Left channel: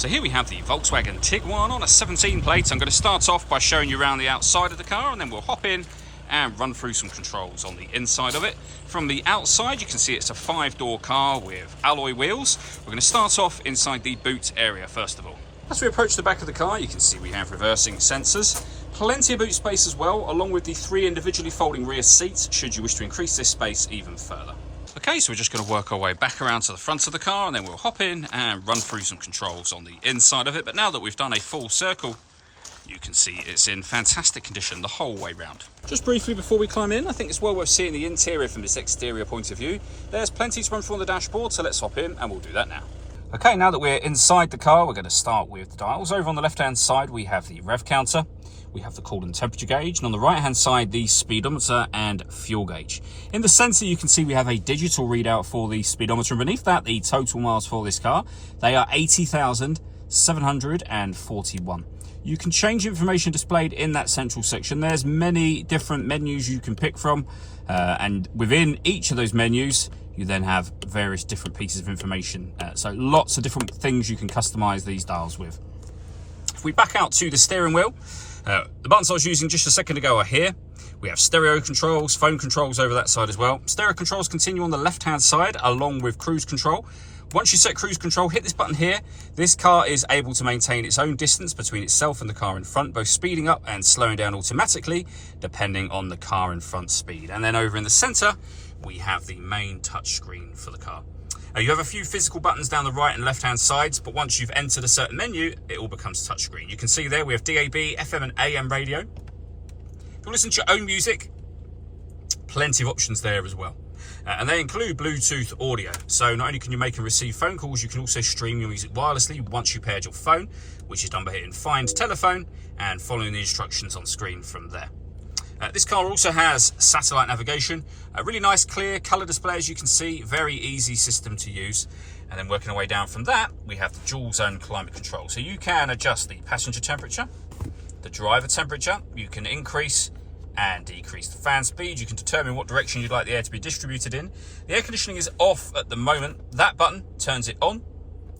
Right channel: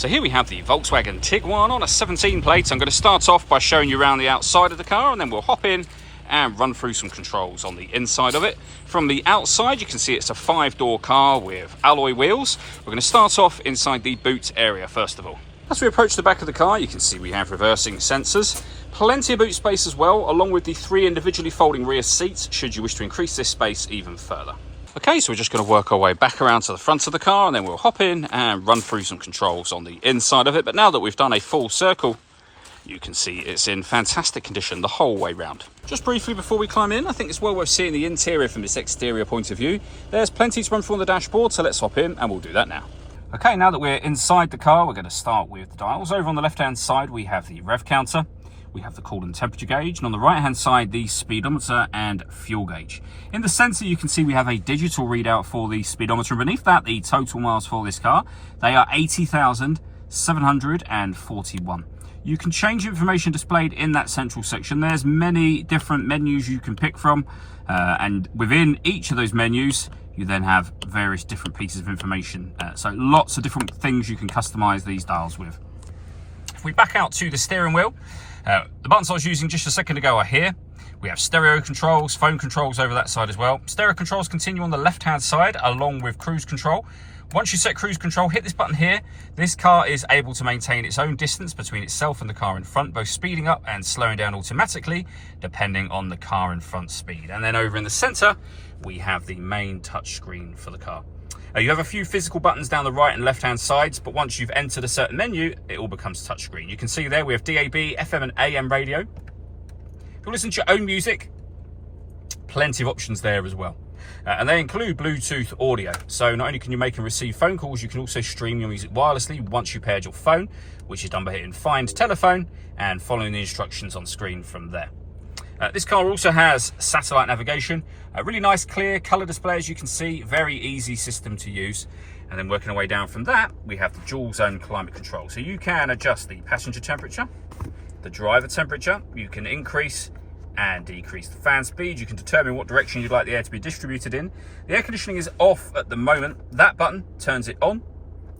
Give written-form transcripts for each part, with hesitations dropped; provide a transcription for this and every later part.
So here we have the Volkswagen Tiguan on a 17 plate. I'm going to start off by showing you around the outside of the car, and then we'll hop in and run through some controls on the inside of it. From the outside, you can see it's a 5-door car with alloy wheels. We're going to start off inside the boot area first of all. As we approach the back of the car, you can see we have reversing sensors. Plenty of boot space as well, along with the 3 individually folding rear seats, should you wish to increase this space even further. Okay, so we're just going to work our way back around to the front of the car, and then we'll hop in and run through some controls on the inside of it. But now that we've done a full circle, you can see it's in fantastic condition the whole way round. Just briefly before we climb in, I think it's well worth seeing the interior from this exterior point of view. There's plenty to run through on the dashboard, so let's hop in and we'll do that now. Okay, now that we're inside the car, we're going to start with the dials. Over on the left-hand side, we have the rev counter. We have the coolant temperature gauge, and on the right-hand side, the speedometer and fuel gauge. In the center, you can see we have a digital readout for the speedometer, and beneath that, the total miles for this car. They are 80,741. You can change information displayed in that central section. There's many different menus you can pick from, and within each of those menus, you then have various different pieces of information. So lots of different things you can customize these dials with. If we back out to the steering wheel, the buttons I was using just a second ago are here. We have stereo controls, phone controls over that side as well. Stereo controls continue on the left-hand side along with cruise control. Once you set cruise control, hit this button here. This car is able to maintain its own distance between itself and the car in front, both speeding up and slowing down automatically, depending on the car in front speed. And then over in the center, we have the main touchscreen for the car. You have a few physical buttons down the right and left-hand sides, but once you've entered a certain menu, it all becomes touchscreen. You can see there we have DAB, FM and AM radio. If you listen to your own music, plenty of options there as well. And they include Bluetooth audio. So not only can you make and receive phone calls, you can also stream your music wirelessly once you've paired your phone, which is done by hitting Find Telephone and following the instructions on screen from there. This car also has satellite navigation, a really nice clear colour display as you can see, very easy system to use. And then working our way down from that, we have the dual zone climate control. So you can adjust the passenger temperature, the driver temperature, you can increase and decrease the fan speed, you can determine what direction you'd like the air to be distributed in. The air conditioning is off at the moment. That button turns it on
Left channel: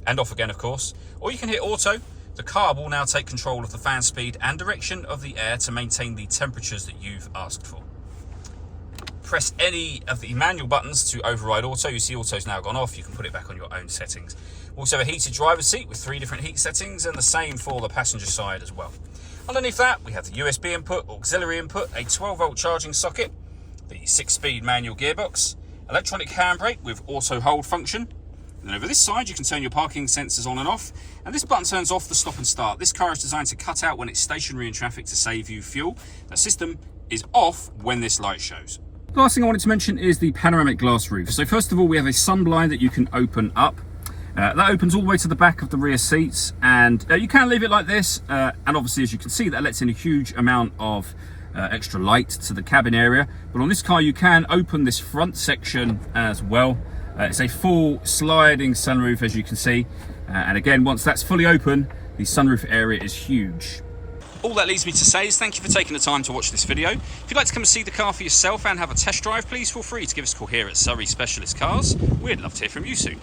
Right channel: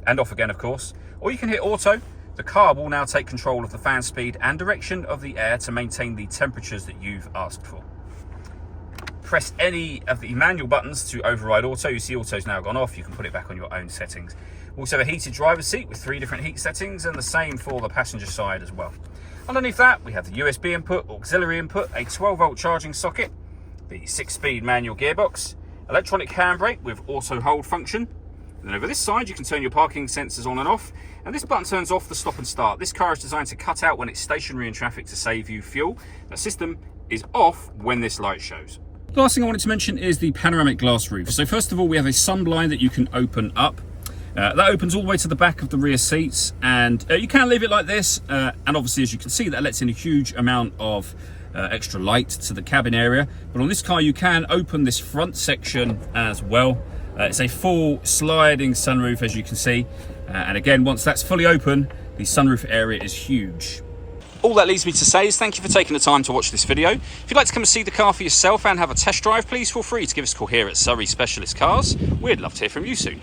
and off again, of course. Or you can hit auto. The car will now take control of the fan speed and direction of the air to maintain the temperatures that you've asked for. Press any of the manual buttons to override auto. You see auto's now gone off. You can put it back on your own settings. We also have a heated driver's seat with 3 different heat settings, and the same for the passenger side as well. Underneath that, we have the USB input, auxiliary input, a 12-volt charging socket, the 6-speed manual gearbox, electronic handbrake with auto hold function. And then over this side, you can turn your parking sensors on and off, and this button turns off the stop and start. This car is designed to cut out when it's stationary in traffic to save you fuel. That system is off when this light shows. The last thing I wanted to mention is the panoramic glass roof. So first of all, we have a sun blind that you can open up. That opens all the way to the back of the rear seats, and you can leave it like this, and obviously as you can see, that lets in a huge amount of extra light to the cabin area. But on this car, you can open this front section as well. It's a full sliding sunroof, as you can see, and again, once that's fully open, the sunroof area is huge. All that leaves me to say is thank you for taking the time to watch this video. If you'd like to come and see the car for yourself and have a test drive, please feel free to give us a call here at Surrey Specialist Cars. We'd love to hear from you soon.